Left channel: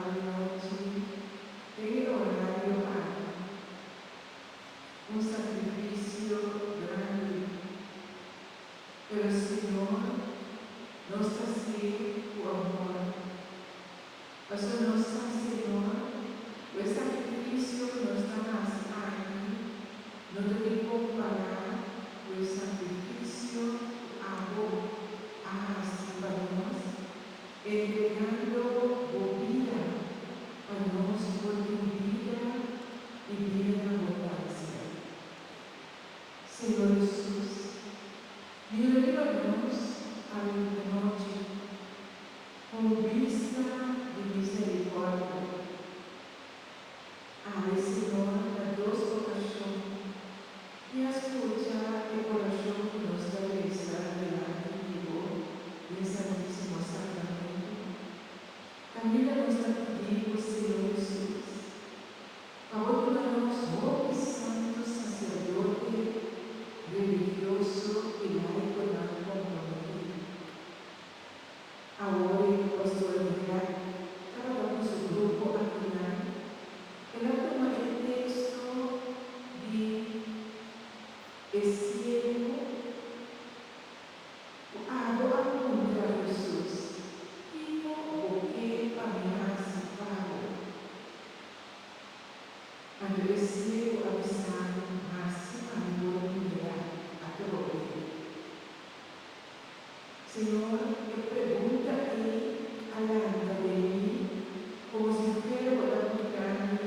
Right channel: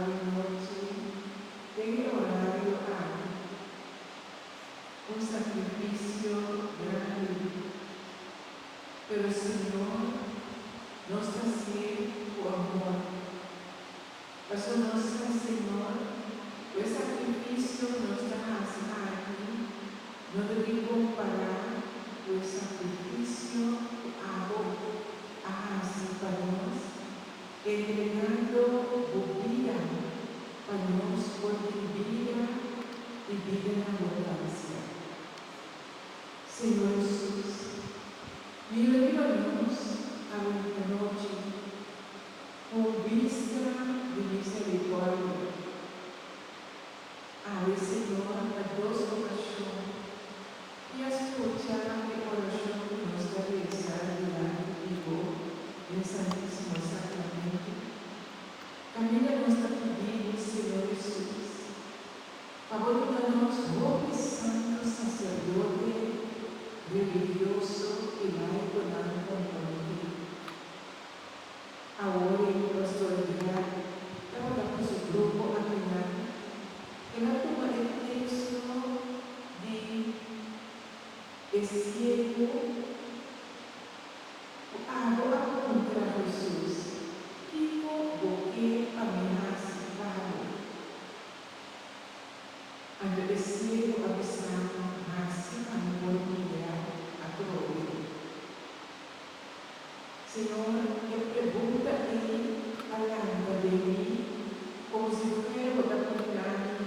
noite tem orado a um sacrifício grande, pelo Senhor nos trazer o amor. Mas o nosso Senhor, o sacrifício nos traz aqui, não deve comparar o sacrifício para nós, entregando o vida para nós, porque vida e vida na abundância. Senhor Jesus, mira-nos a noite com vista de misericórdia. Senhor, da doce coração e escuchar o coração que nos deve estar diante de do Santíssimo Sacramento. Também nos pedimos, Senhor Jesus, favor de nós, bom santo sacerdote religioso e laico da companhia. Agora, o pastor Guilherme, estava com seu grupo a caminhar. Ela toma o texto de ciego, agora contra Jesus, tipo o que ameaçado. Quando o ciego avisado, nasce a morrer a dor. Senhor, eu pergunto aí, além de mim, como se fuera para contar-me,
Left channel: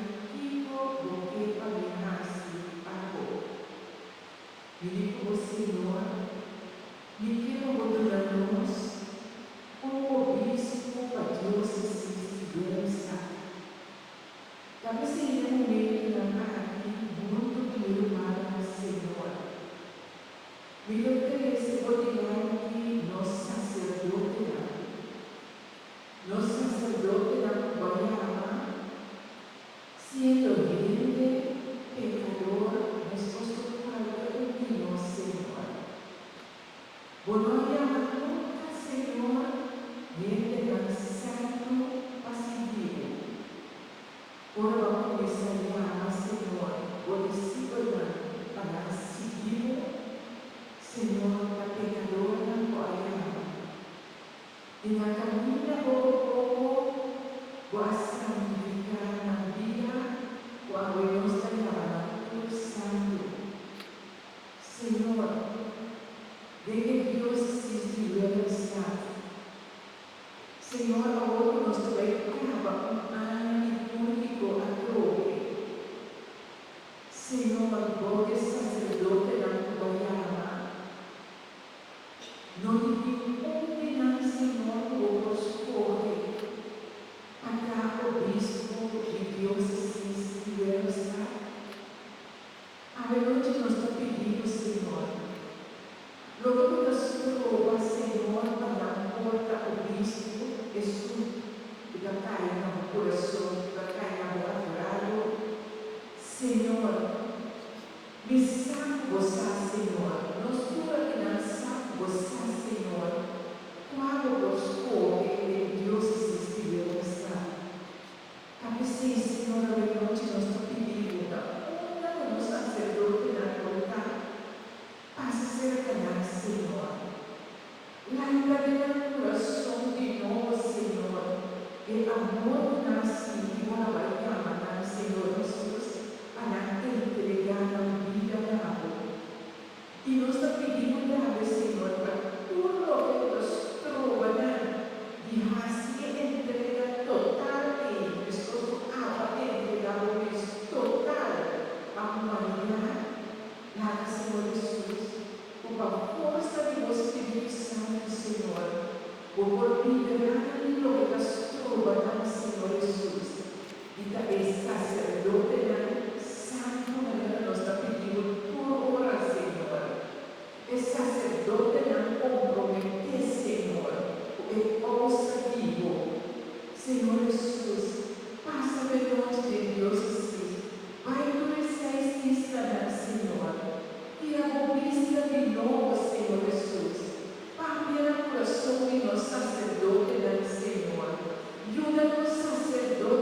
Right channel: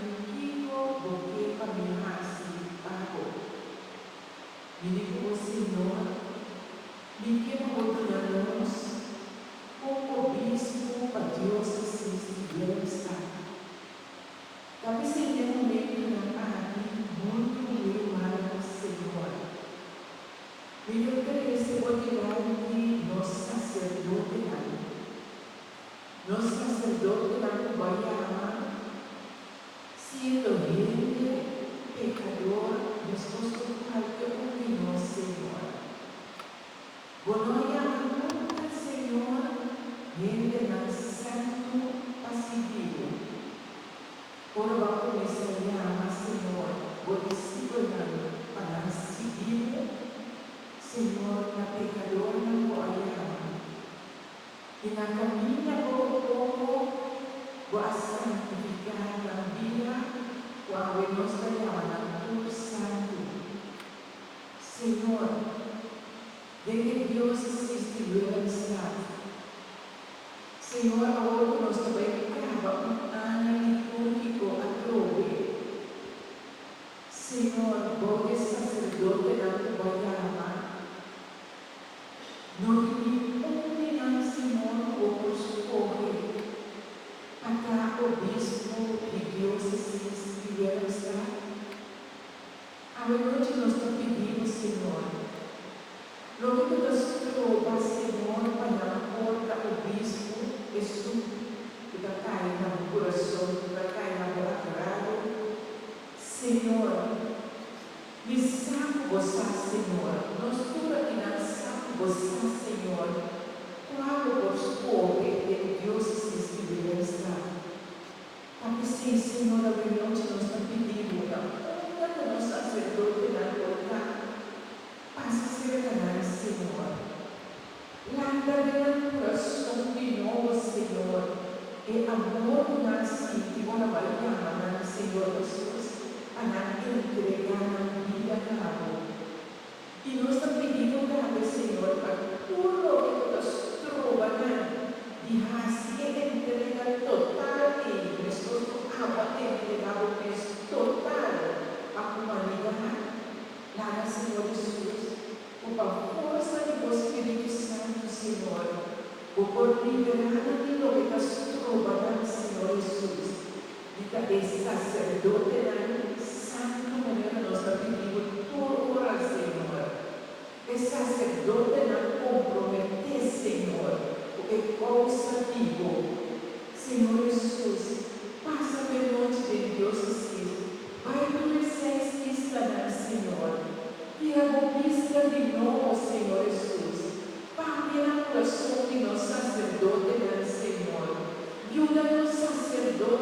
do que ameaçado. E digo, o Senhor, me quero ordenar-nos como obispo para diócesis de Estado. Talvez seria um meio aqui muito meu mal, Senhor. Me oferece ordenar-me nosso sacerdote da Guaiana, sendo gente, pecador, disposto a qualquer um de nós, Senhor. Bonoia nunca, Senhor, gente santo passivo. Por favor, me llama, Senhor, por discipulando para seguir, Senhor, a pecador na Guaiana. E na caminha vou santificar na vida, quando nos trabalha por santo. Senhor, de que Deus estiver estado. Senhor, hoje nos dedicava um ano litúrgico a Tobe. Senhor, vós sacerdote da Guaiana, não ninguém, Senhor, vos corre. Atrás o bispo de Deus estiver estado. A noite nós te pedimos, Senhor, logo que nós trova, Senhor, para a porta o bispo, Jesus, que vai cair no coração, que vai cair no coração, Senhor, me salve você, Senhor, nós tu aqui não salve você, Senhor, quando vos corre de Deus estiver estado. Porque sim, Senhor, a noite nós te pedimos, quando nós sacerdote na colocar, passa a ser canal, Senhor. Lámpara no coração de novo, Senhor, e amor nasce de uma barriga, Senhor Jesus, para entregar a vida na amor. E nós te pedimos, Senhor, para tudo que nós trovamos, e rasgue entrega total e disposto a entregar o que total a humanidade. Nada, Senhor Jesus, com a força do Espírito Santo, Senhor, por liberar de lo que nós trovamos, Senhor Jesus, e que sacerdote santo, maneira nós te pedimos por hora, Senhor. O sacerdote não compromete, Senhor, o que ouça vivo. Senhor Jesus, passa pela noite de Deus, vai no exercício, Senhor, e a conquista de novo, Senhor Jesus, para o coração de nosso sacerdote, Senhor, e o nosso sacerdote.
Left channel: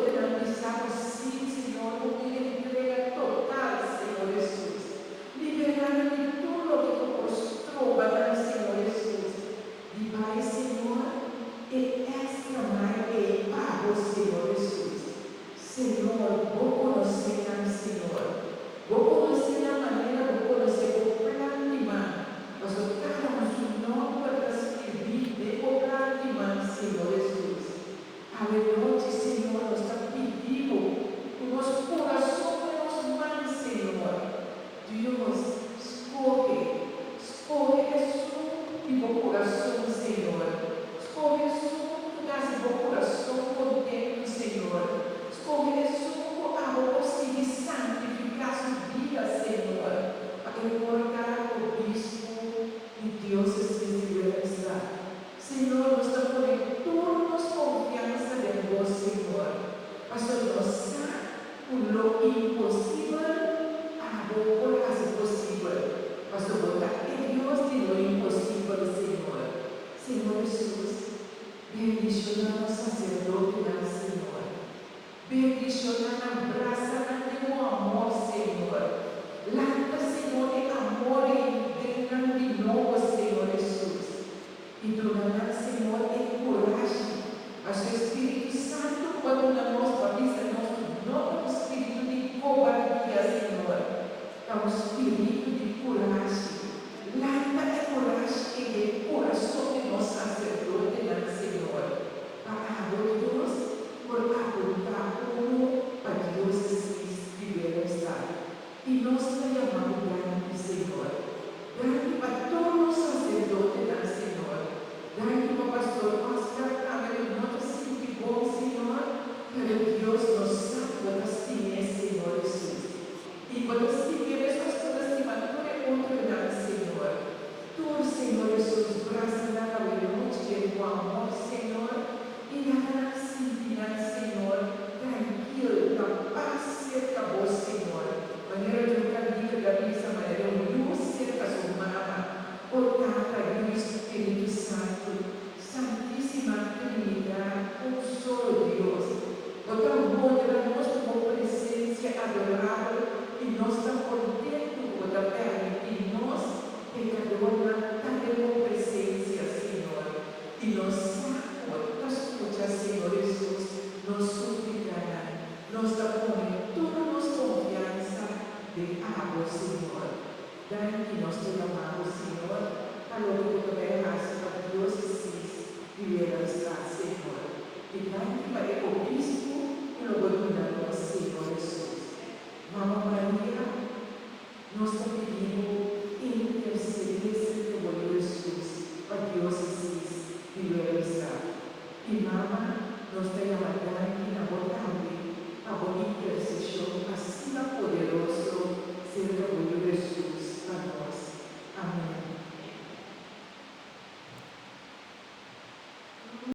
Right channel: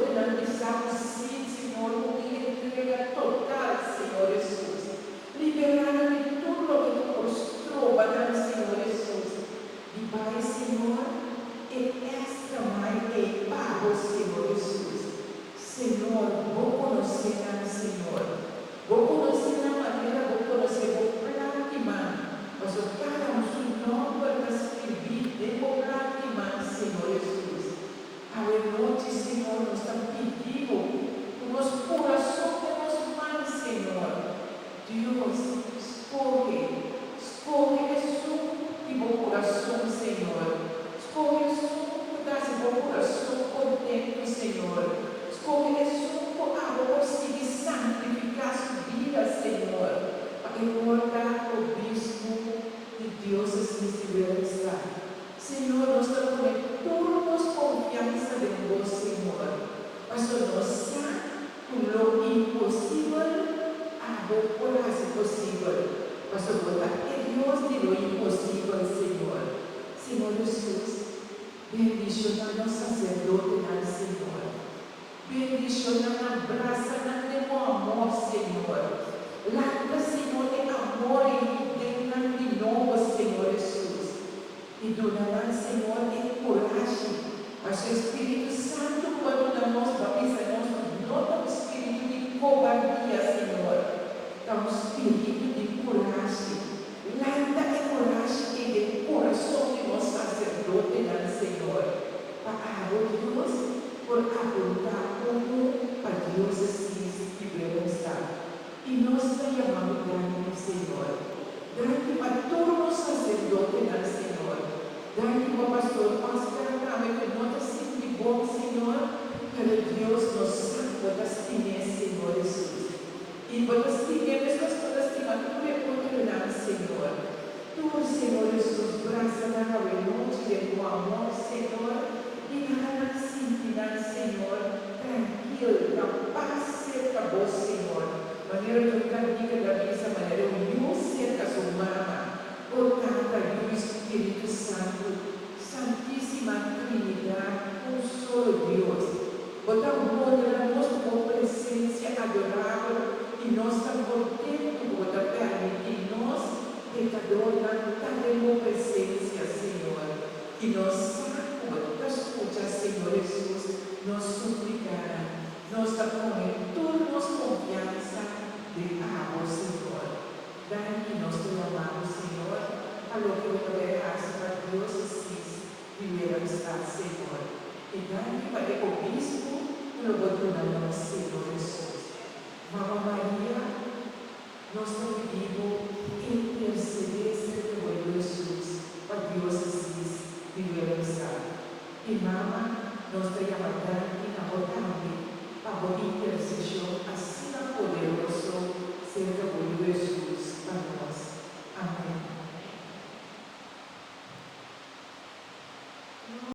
estão pedindo